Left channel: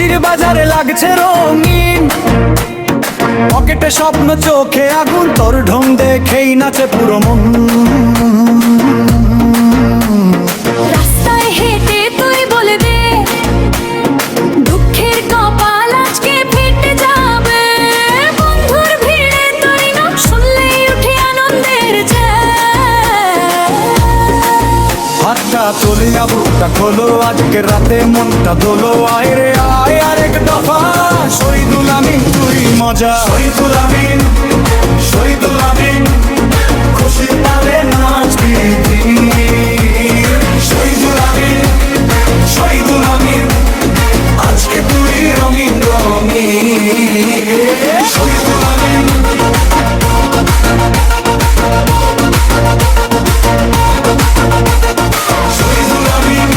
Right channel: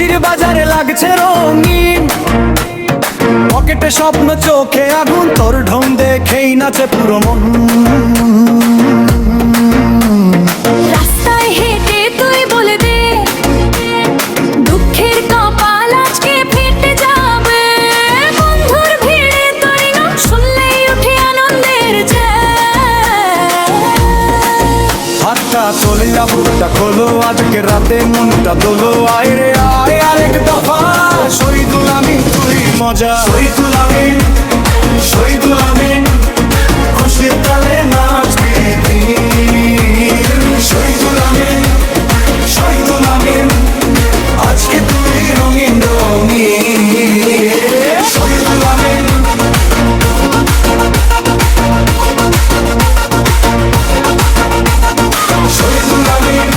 হাসির বাজারে লাগছে রঙিন, পকেটে স্বপ্ন চোখে আগুন, তোর ঢং দেখেই নাচে পুরো মন। রাস্তায় হেঁটে তুই বলে দে, দুঃখের কপাল আজকে ফেটে যাবে। বন্ধুর ভিড়ে তুই নাম শুনলেই উঠে আনন্দের জয়। হাতটা তোলে বুকটা খোলো, আজকে রাতে মনটা দোলো। আয় রে আয় আরেক দফা, শহীদুল আমিন তুই মজা। শহীদুল আমিন, শহীদুল আমিন, খুশির তালে নাচবি দিন। শহীদুল আমিন, শহীদুল আমিন, আজকে তুই রঙিন রঙিন। শহীদুল আমিন, শহীদুল আমিন,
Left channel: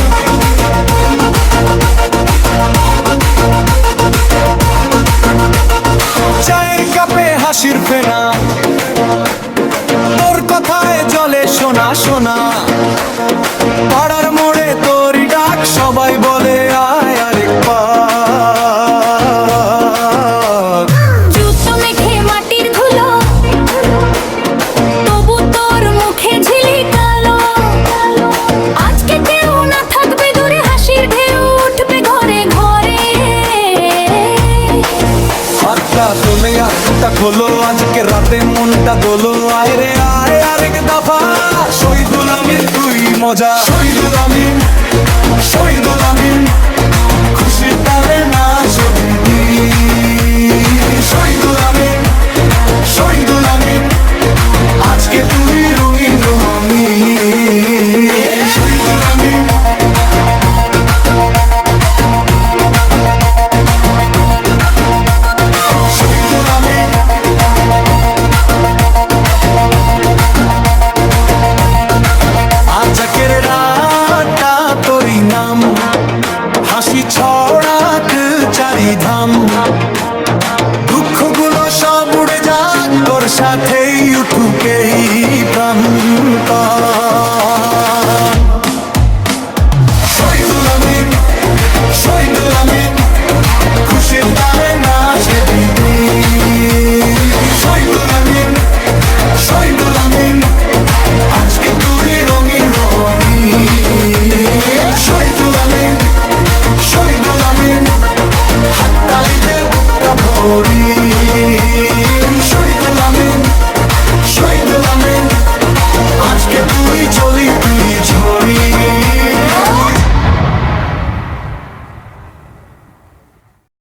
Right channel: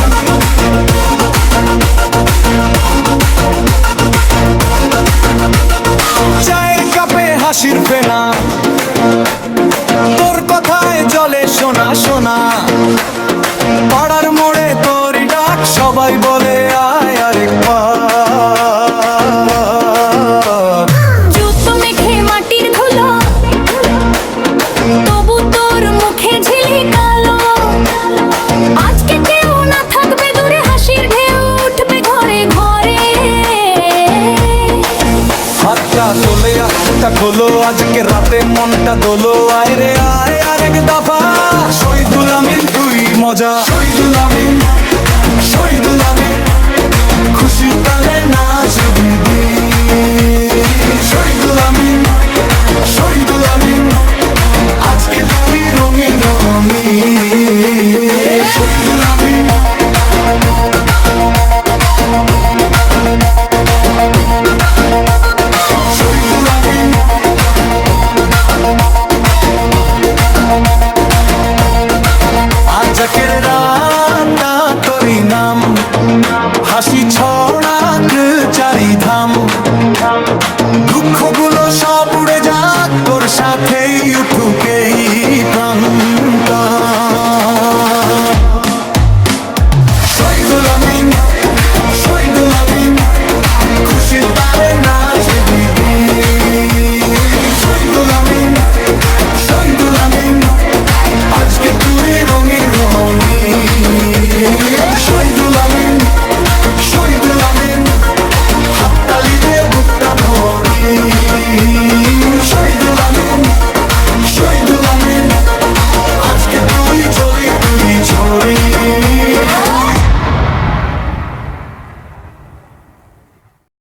চায়ের কাপে হাসির ফেনা, তোর কথায় জলে শোনা শোনা। পাড়ার মোড়ে তোরই ডাক, সবাই বলে আয় আরেক পা। জুতো মেখে মাটির ধুলো, তবু তোর মুখে ঝিলিক কালো। আজকে কেউ না থাকবে দূরে, হাসির ঢেউ উঠবে ঘরে ঘরে। হাতটা তোলে বুকটা খোলো, আজকে রাতে মনটা দোলো। আয় রে আয় আরেক দফা, শহীদুল আমিন তুই মজা। শহীদুল আমিন, শহীদুল আমিন, খুশির তালে নাচবি দিন। শহীদুল আমিন, শহীদুল আমিন, আজকে তুই রঙিন রঙিন। শহীদুল আমিন, শহীদুল আমিন, আজকের রাতটা তোরই নাম, হাসি ছড়াক চারিধাম। দুঃখগুলো সব উড়ে যাক, তোর সাথেই উঠুক এই প্রান্ত।